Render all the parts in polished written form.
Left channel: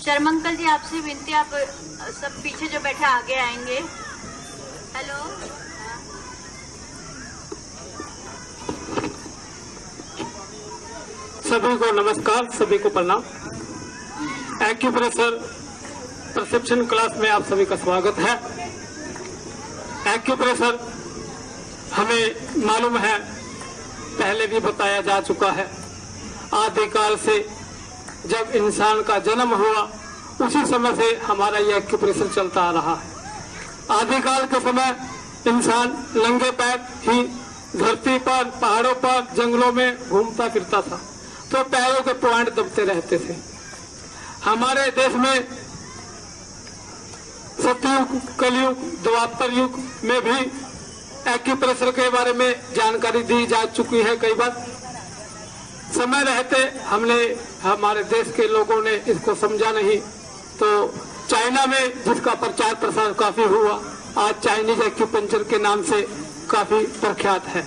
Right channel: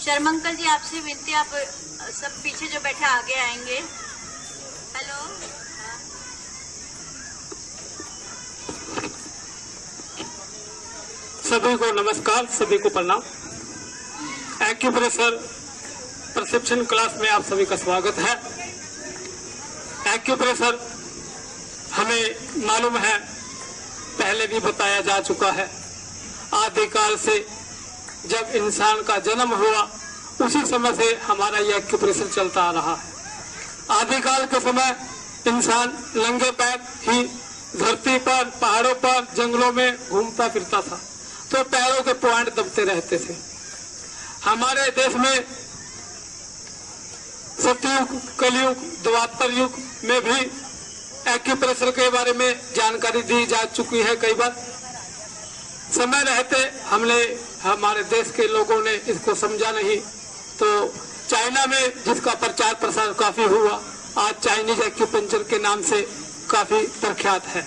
Sharma uncle जी, आपसे विनती, आप सब पीछे जो बैठे आगे आएंगे। हेलो। सभी को नमस्कार, सभी को प्रणाम। एक्यूप्रेशर परसेप्शन क्लास में आप सभी का स्वागत है। एक्यूप्रेशर हमें मालूम है, पहले भी बताया जा चुका है, आदिकाल से जब इंसान का जन्म हुआ उसी समय से हमारा यह एक्यूप्रेशर चलता आ रहा है। आदिकाल के समय इंसान नंगे पैर ही धरती पर, पहाड़ों पर, जंगलों में घूमता फिरता था, तो पैरों के पॉइंट दबते रहते थे। हमारे देश में सतयुग, कलयुग, द्वापर युग में भी एक्यूप्रेशर के बारे में जानकारी दी जा चुकी है। कई बार समय रहते हमारे देश के लोगों ने इसको समझा नहीं, तो चाइना में जिसका प्रचार प्रसार काफी हुआ, आज चाइनीज एक्यूपंक्चर के नाम से काफी प्रख्यात है।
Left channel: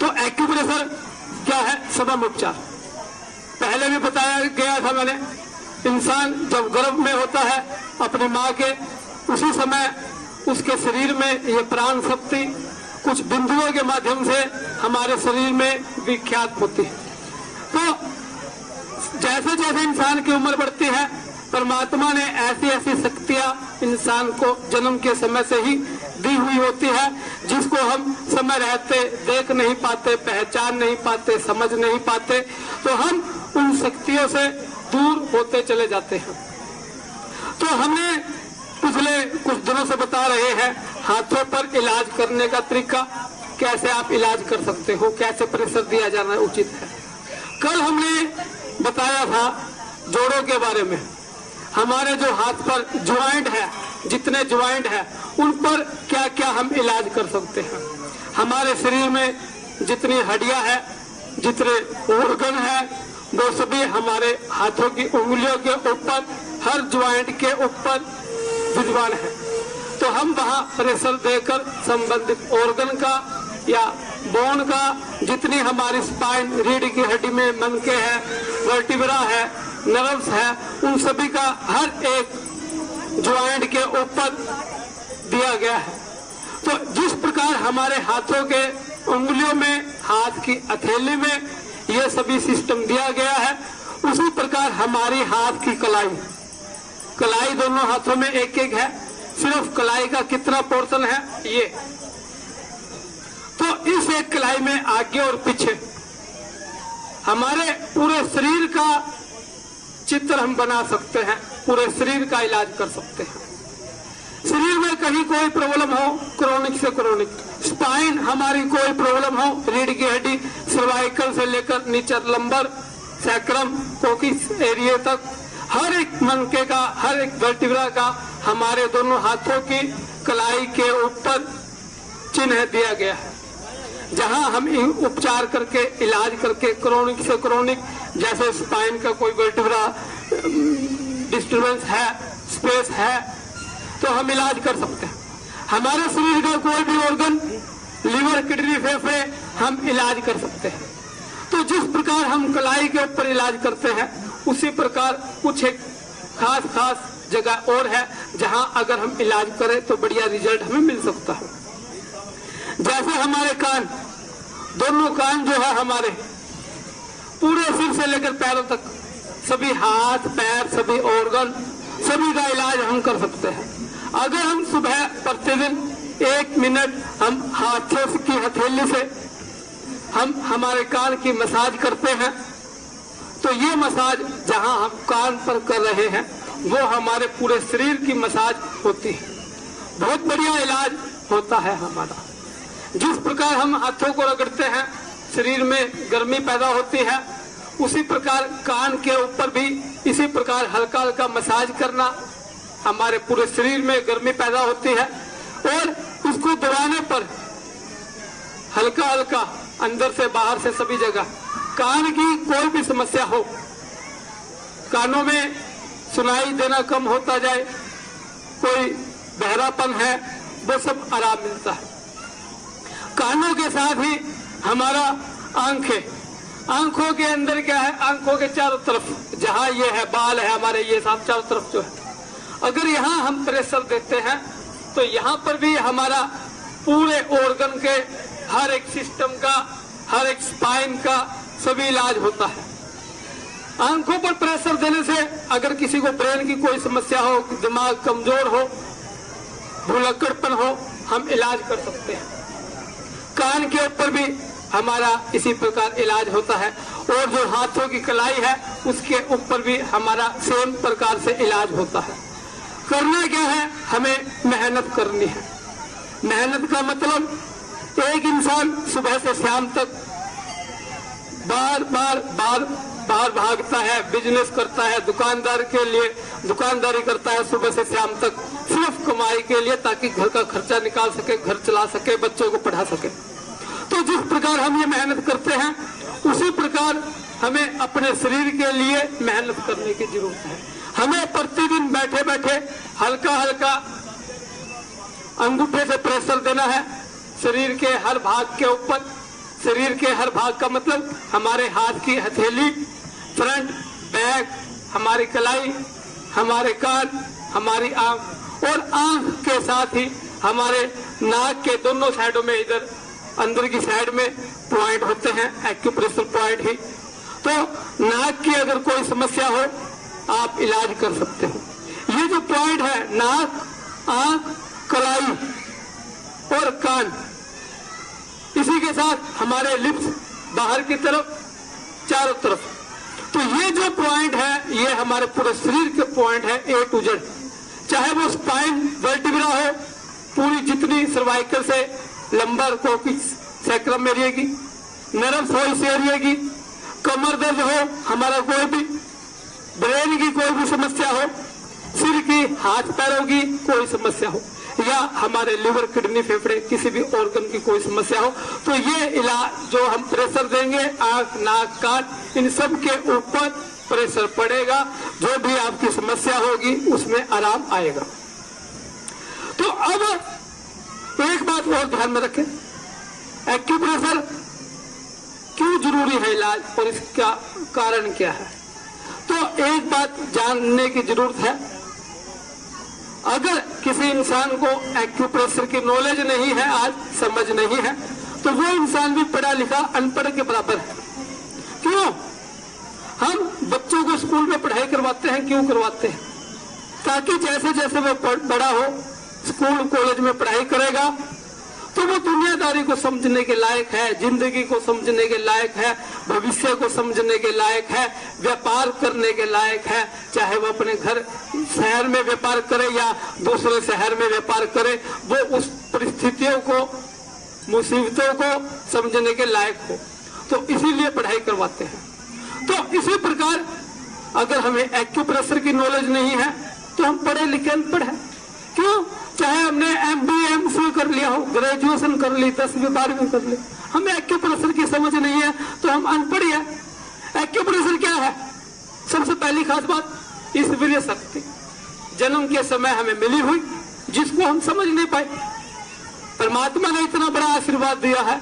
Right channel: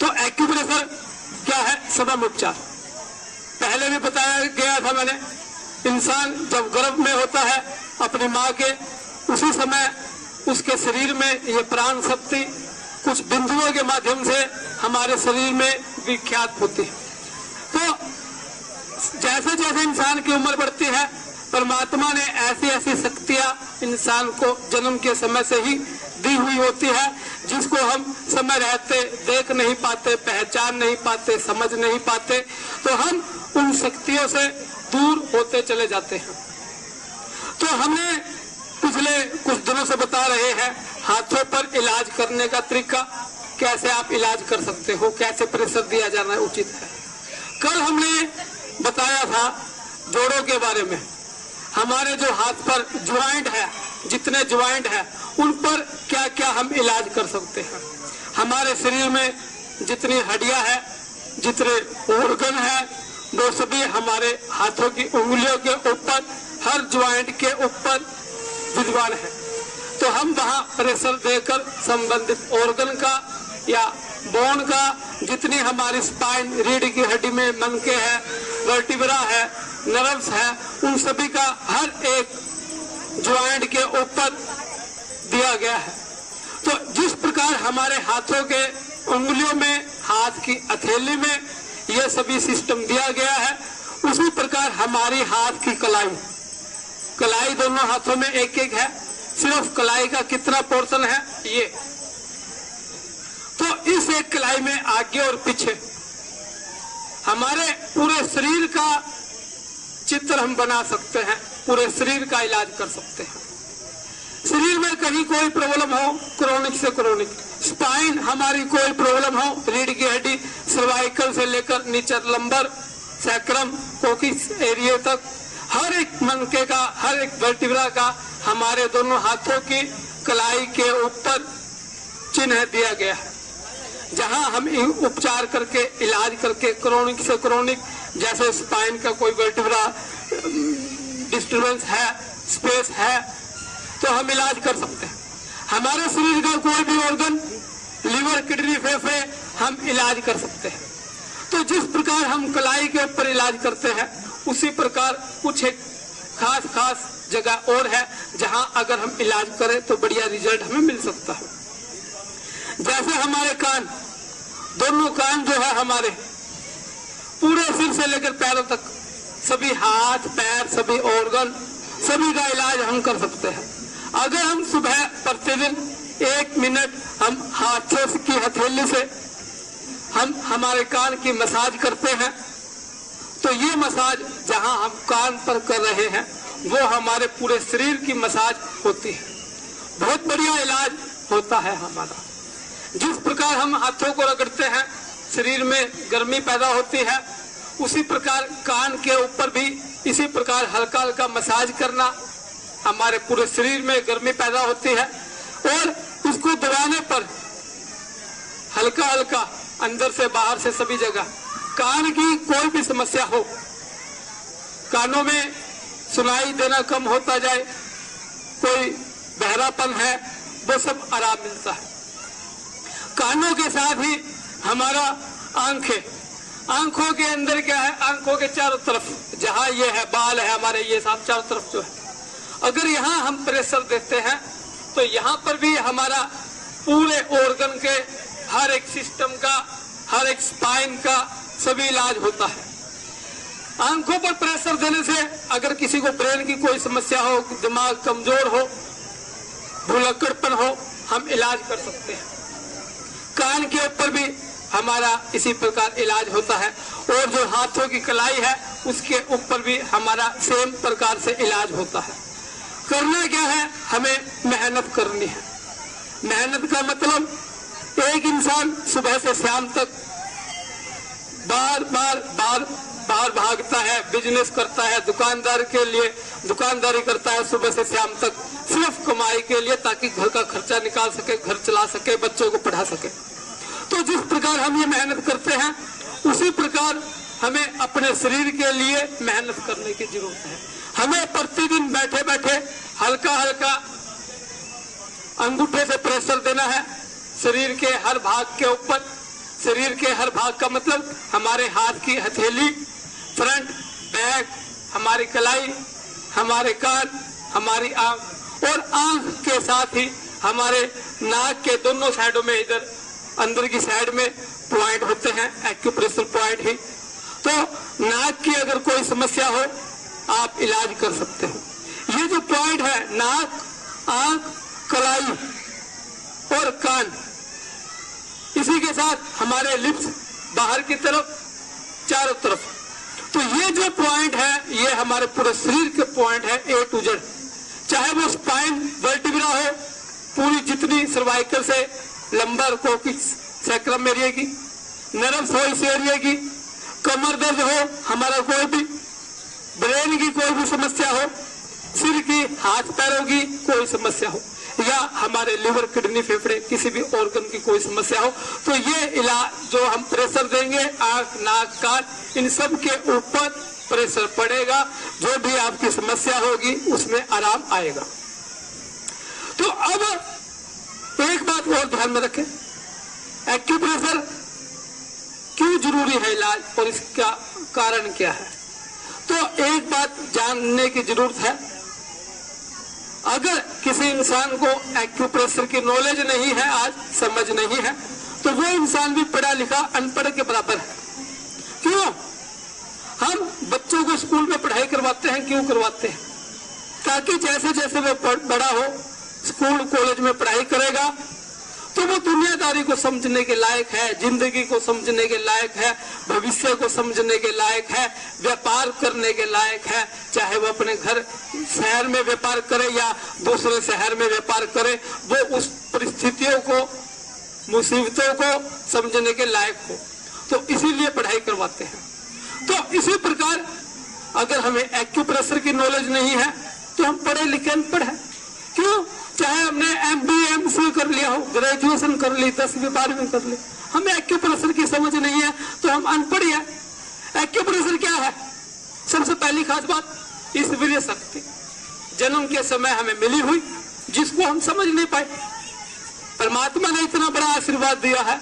तो एक्यूप्रेशर क्या है? सबम उपचार। पहले भी बताया गया था मैंने, इंसान जब गर्भ में होता है अपनी माँ के, उसी समय उसके शरीर में ये प्राण शक्ति कुछ बिंदुओं के माध्यम से हमारे शरीर में विख्यात होती है। तो जैसे जैसे इंसान की उम्र बढ़ती है, परमात्मा ने ऐसी ऐसी शक्तियां इंसान को जन्म के समय से ही दी हुई होती है, जिसको हम समय रहते देख नहीं पाते, पहचान नहीं पाते, समझ नहीं पाते, तो हम उन शक्तियों से दूर होते चले जाते हैं। तो हमने पिछले कुछ दिनों से बता रहे हैं हाथों पर इलाज करने का तरीका, कैसे आप इलाज कर सकते हो, कैसे प्रेशर दिया जाना उचित है। कल हमने बताया था जोड़ों के बारे में। हमारे जो हाथ पर ज्वाइंट है, जितने ज्वाइंट है, उन पर क्या क्या हम इलाज कर सकते हैं। हमारे शरीर में जितनी हड्डियां है, जितने ऑर्गन है, वो सभी हमारे हाथों की उंगलियों के ऊपर, हर ज्वाइंट के ऊपर विद्यमान है। तो हम वहाँ प्रेशर देकर संबंधित ऑर्गन का या बोन का, जितनी हमारी स्पाइन, रीढ़ की हड्डी में मनके है, वर्टिब्रा है, नर्व्स है, उन सभी का हर एक ज्वाइंट के ऊपर दिया गया है। तो जिस प्रकार हमारे हाथों के उंगलियों में, हाथ की हथेली में ये सभी सिस्टम दिया गया है, उसी प्रकार हमारी हाथ की कलाई दोनों हाथों में एक एक है। सिर्फ कलाई का कितना पोर्शन है ये, तो इस एक कलाई में आगे और पीछे हमारे पूरे शरीर का चित्र हम बना सकते हैं, पूरे शरीर का इलाज कर सकते हैं। शरीर में कहीं कोई प्रॉब्लम हो, क्रोनिक से क्रोनिक, स्पाइन हमारी कोई प्रॉब्लम हो, रीढ़ की हड्डी, सर्वाइकल से लेकर नीचे लंबर, सैक्रम, कोकिक्स एरिया तक, हर एक मनके का, हर एक वर्टिब्रा का हमारे दोनों हाथों की कलाई के ऊपर चिन्ह दिया गया है, जहां हम उपचार करके, इलाज करके, क्रोनिक से क्रोनिक, जैसे स्पाइन का कोई वर्टिब्रा डिस्टर्बेंस है, स्पेस है, तो हम इलाज कर सकते हैं। हमारे शरीर का कोई भी ऑर्गन, लीवर, किडनी, फेफड़े, हम इलाज कर सकते हैं। तो जिस प्रकार हम कलाई के ऊपर इलाज करते हैं, उसी प्रकार कुछ एक खास जगह और है जहां अगर हम इलाज करें तो बढ़िया रिजल्ट हमें मिल सकता है। जैसे हमारे कान, दोनों कान जो है हमारे पूरे सिर से लेकर पैरों तक, सभी हाथ पैर, सभी ऑर्गन, सभी का इलाज हम कर सकते हैं। अगर हम सुबह प्रतिदिन 1 मिनट हम हाथों की हथेली से हम हमारे कान की मसाज करते हैं, तो ये मसाज जहां हम कान पर कर रहे हैं वो हमारे पूरे शरीर की मसाज होती है। बहुत बढ़िया इलाज होता है हमारा। जिस प्रकार हम हाथों को रगड़ते हैं, शरीर में गर्मी पैदा होती है, उसी प्रकार कान के ऊपर भी इसी प्रकार हल्का हल्का मसाज करना, हमारे पूरे शरीर में गर्मी पैदा होती है। और उसको दबाने पर हल्का हल्का अंदर से बाहर से सभी जगह, कान की कोई भी समस्या हो, कानों में सुनाई देना कम होता जाए, कोई बहरापन है, वो सब आराम मिलता है। कानों के साथ ही हमारा आंखें, आंखों के अंदर क्या है, आंखों के चारों तरफ जहां ये है बाल है हमारे, ये सब चारों तरफ जो है, अगर यहाँ हम प्रेशर देते हैं तो यहाँ पर भी हमारा पूरे ऑर्गन के हर एक सिस्टम का, हर एक स्पाइन का सभी इलाज होता है। आंखों पर प्रेशर देने से अगर किसी को ब्रेन की कोई समस्या हो, दिमाग कमजोर हो, भुलक्कड़पन हो, हम इलाज कर सकते हैं। कान के ऊपर भी हमारा इसी प्रकार इलाज होता है, और जो हाथों की कलाई है उसके ऊपर भी हमारा सेम प्रकार से इलाज होता है। करना क्या है, हमें मेहनत करनी है। मेहनत का मतलब एक इंसान सुबह से शाम तक बार बार भागता है, बिजनेस करता है, दुकानदार के लिए दुकानदारी करता है सुबह से शाम तक, सिर्फ कमाई के लिए, ताकि घर का खर्चा निकाल सके, घर चला सके, बच्चों को पढ़ा सके। तो जिस प्रकार हम ये मेहनत करते हैं उसी प्रकार हमें अपने शरीर के लिए मेहनत करने की जरूरत है। हमें प्रतिदिन बैठे बैठे हल्का हल्का अंगूठे से प्रेशर देना है शरीर के हर भाग के ऊपर। शरीर के हर भाग का मतलब हमारे हाथ की हथेली, फ्रंट, बैक, हमारी कलाई, हमारे कान, हमारी आंख, और आंख के साथ ही हमारे नाक के दोनों साइडों में, इधर अंदर की साइड में पॉइंट होते हैं, एक्यूप्रेशर पॉइंट ही। तो नाक की अगर कोई समस्या हो आप इलाज कर सकते हो। ये जो पॉइंट है, नाक, आंख, कलाई और कान, इसी के साथ हमारे लिप्स बाहर की तरफ, चारों तरफ। तो ये जो पॉइंट है ये हमारे पूरे शरीर के पॉइंट है, ए टू जेड। चाहे वो स्पाइन वर्टिब्रा हो, पूरी जितनी सर्वाइकल से लंबर कोकिक्स सैक्रम एरिया की, नर्व्स हो इस एरिया की, कमर दर्द हो, हमारा कोई भी ब्रेन की कोई भी समस्या हो, सिर की, हाथ पैरों की कोई समस्या हो, या हमारे लिवर, किडनी, फेफड़े, किसी भी ऑर्गन की कोई समस्या हो, तो ये इलाज जो हम प्रेशर देंगे आंख, नाक, कान, इन सब के ऊपर प्रेशर पड़ेगा। जो भी आपकी समस्या होगी उसमें आराम आएगा। तो अब एक बात और ध्यान में रखें, एक्यूप्रेशर क्यों जरूरी है इलाज और इसका कारण क्या है। तो एक बात जानने की जरूरत है, अगर किसी इंसान को एक्यूप्रेशर की नॉलेज नहीं है, आज समझ नहीं है, तो वो इंसान भी पढ़ा लिखा अनपढ़ के बराबर है। क्यों? हम बच्चों को स्कूल में पढ़ाई करवाते हैं, क्यों करवाते हैं? ताकि जैसे जैसे वो बड़ा हो, स्कूल कॉलेज में पढ़ाई करेगा, तो वो दुनियादारी को समझने के लायक है, जिंदगी को समझने के लायक है, भविष्य को समझने के लायक है, व्यापार करने के लायक है। चाहे वो अपने घर शहर में व्यापार करे या दूसरे शहर में व्यापार करे, वो उस परिस्थितियों को, मुसीबतों को समझने के लायक हो। तो इसीलिए पढ़ाई करवाते हैं। तो इसी प्रकार अगर हमें एक्यूप्रेशर की नॉलेज नहीं है तो हम पढ़े लिखे अनपढ़ हैं। क्यों? चाहे हमने MBA MCA कर लिया हो, ग्रेजुएशन कर ली, 10वीं 12वीं कर ली, हमें एक्यूप्रेशर की समझ नहीं है तो हम अनपढ़ है। एक्यूप्रेशर क्या है? सबसे पहली खास बात, इस वीर्य शक्ति जन्म के समय हमें मिली हुई, जिसको हम समझ नहीं पाए। परमात्मा ने इतना बड़ा आशीर्वाद दिया है,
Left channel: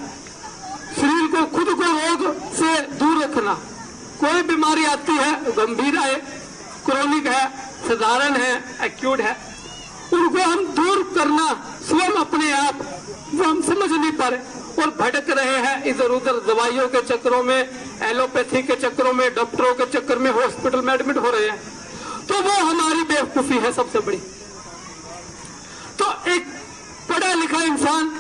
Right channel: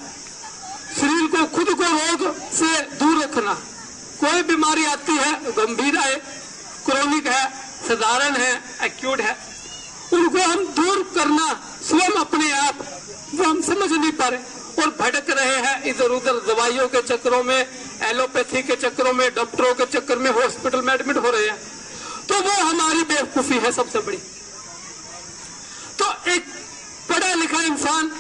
शरीर को, खुद को रोग से दूर रखना। कोई बीमारी आती है, गंभीर है, क्रोनिक है, साधारण है, एक्यूट है, उनको हम दूर करना स्वयं अपने आप, वो हम समझ नहीं पा रहे और भटक रहे हैं इधर उधर दवाइयों के चक्करों में, एलोपैथी के चक्करों में, डॉक्टरों के चक्कर में हॉस्पिटल में एडमिट हो रहे हैं। तो वो हमारी बेवकूफी है सबसे बड़ी। तो एक पढ़ा लिखा इंसान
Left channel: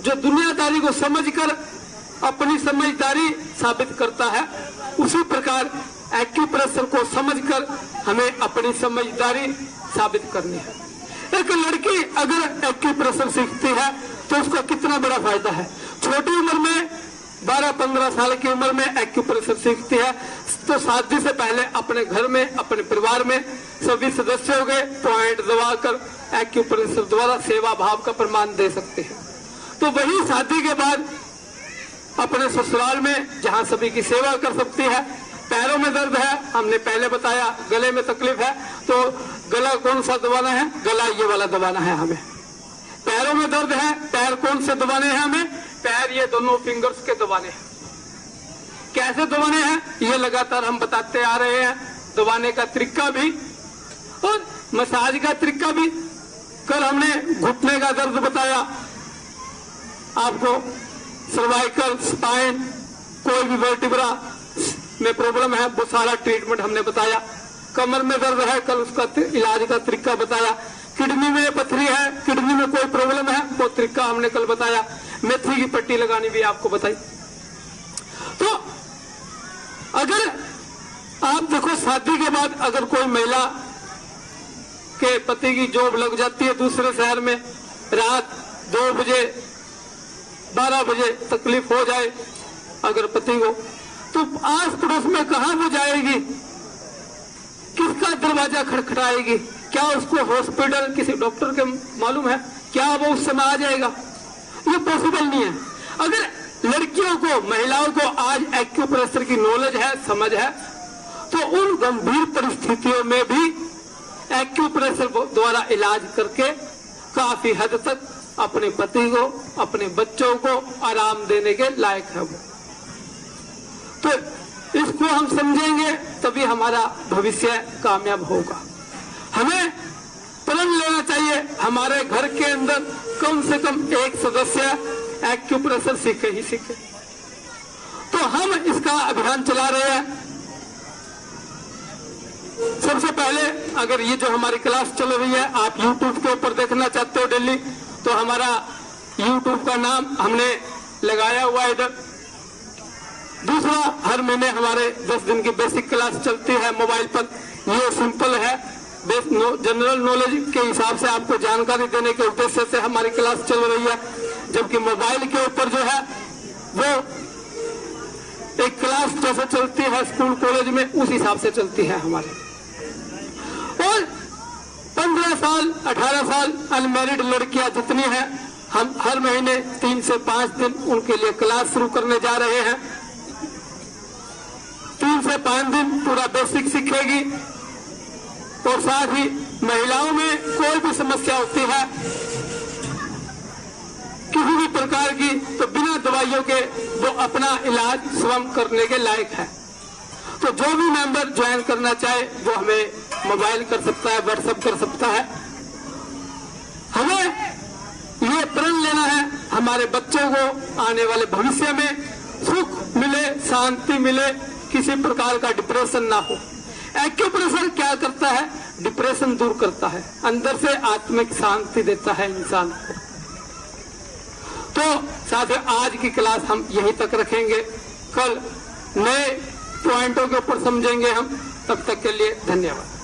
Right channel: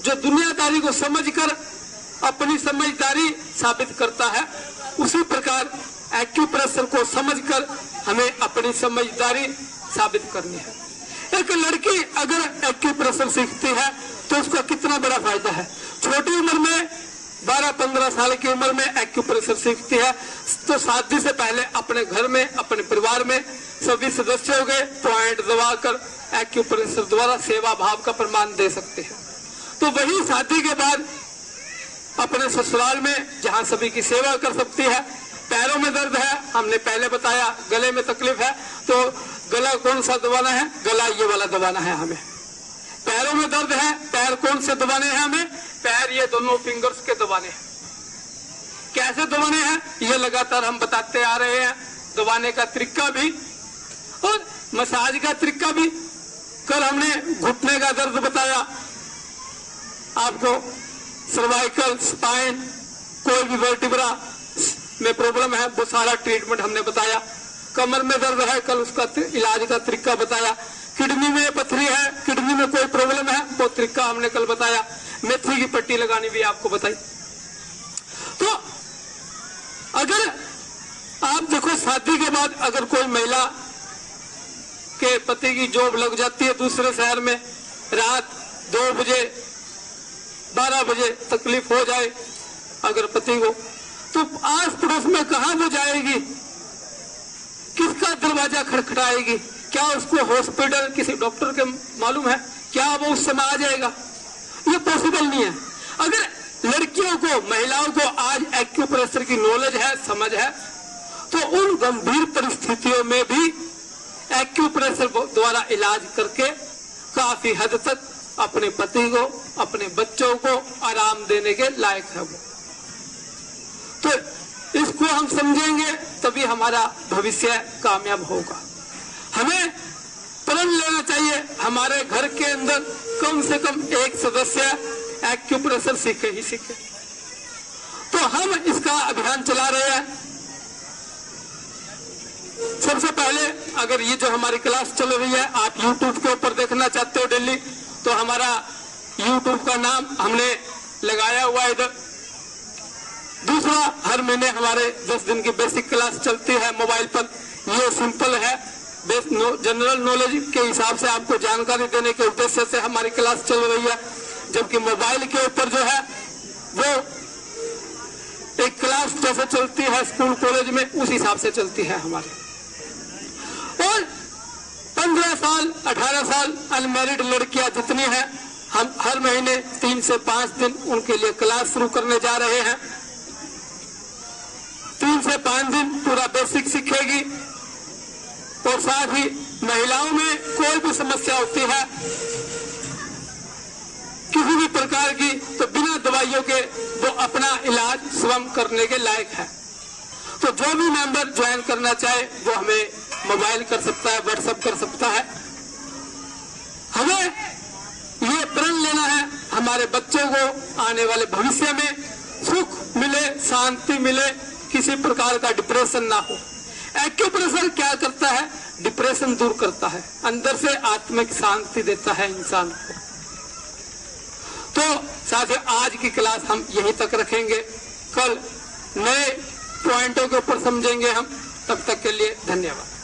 जो दुनियादारी को समझकर अपनी समझदारी साबित करता है, उसी प्रकार एक्यूप्रेशर को समझकर हमें अपनी समझदारी साबित करनी है। एक लड़की अगर एक्यूप्रेशर सीखती है तो उसका कितना बड़ा फायदा है। छोटी उम्र में 12-15 साल की उम्र में एक्यूप्रेशर सीखती है तो शादी से पहले अपने घर में, अपने परिवार में सभी सदस्यों के पॉइंट दबाकर एक्यूप्रेशर द्वारा सेवा भाव का प्रमाण दे सकते हैं। तो वही शादी के बाद अपने ससुराल में जहां सभी की सेवा कर सकती है। पैरों में दर्द है, हमने पहले बताया, गले में तकलीफ है, तो गला कौन सा दबाना है? गला ये वाला दबाना है हमें। पैरों में दर्द है, पैर कौन से दबाने हैं हमें? पैर ये दोनों फिंगर्स के दबाने हैं। कैसे दबाने हैं ये लगातार हम बताते आ रहे हैं। दबाने का तरीका भी और मसाज का तरीका भी। कल हमने घुटने का दर्द बताया आपको, सर्वाइकल, स्पाइन, कोई भी वर्टिब्रा में प्रॉब्लम है वो सारा ट्रीटमेंट हमने बताया। कमर में दर्द है, कल उसका इलाज का तरीका बताया। किडनी में पथरी है, किडनी में कोई प्रॉब्लम है, वो तरीका हमने कल बताया। मेथी की पट्टी लगानी भी आपको बताई। तो अगर आप देखो, शादी के बाद अगर कोई महिला के पति की जॉब लग जाती है दूसरे शहर में, रात 2 बजे 12 बजे तकलीफ हो जाए अगर पति को, तो आस पड़ोस में कहां वो जाएगी, किसका दरवाजा खटखटाएगी? क्या उसको हॉस्पिटल किसी डॉक्टर के मालूम है? क्या वो उस समय आ जाएगा? ये पॉसिबल नहीं है। अगर लड़कियों को, महिलाओं को आज एक्यूप्रेशर की नॉलेज है, समझ है, तो उन गंभीर परिस्थितियों में भी एक्यूप्रेशर द्वारा इलाज करके काफी हद तक अपने पति को, अपने बच्चों को आराम देने के लायक है वो। तो इसको हम समझेंगे तभी हमारा भविष्य कामयाब होगा। हमें प्रण लेना चाहिए हमारे घर के अंदर कम से कम एक सदस्य एक्यूप्रेशर सीखे ही सीखे। तो हम इसका अभियान चला रहे हैं। सबसे पहले अगर ये जो हमारी क्लास चल रही है आप YouTube के ऊपर देखना चाहते हो डेली, तो हमारा YouTube का नाम हमने लगाया हुआ है इधर। दूसरा, हर महीने हमारे 10 दिन की बेसिक क्लास चलती है मोबाइल पर। ये सिंपल है, जनरल नॉलेज के हिसाब से आपको जानकारी देने के उद्देश्य से हमारी क्लास चल रही है। जबकि मोबाइल के ऊपर जो है वो एक क्लास जैसे चलती है स्कूल कॉलेज में, उस हिसाब से चलती है हमारी। और 15 साल 18 साल अनमैरिड लड़कियां जितनी हैं, हम हर महीने 3 से 5 दिन उनके लिए क्लास शुरू करने जा रहे हैं। 3 से 5 दिन पूरा बेसिक सीखेगी। और साथ ही महिलाओं में कोई भी समस्या होती है किसी भी प्रकार की, तो बिना दवाइयों के वो अपना इलाज स्वयं करने के लायक है। तो जो भी मेंबर ज्वाइन करना चाहे वो हमें मोबाइल कर सकता है, व्हाट्सएप कर सकता है। हमें ये प्रण लेना है हमारे बच्चों को आने वाले भविष्य में सुख मिले, शांति मिले, किसी प्रकार का डिप्रेशन ना हो। एक्यूप्रेशर क्या करता है? डिप्रेशन दूर करता है, अंदर से आत्मिक शांति देता है इंसान को। तो साथ आज की क्लास हम यहीं तक रखेंगे। कल नए पॉइंटों के ऊपर समझेंगे हम। तब तक के लिए धन्यवाद।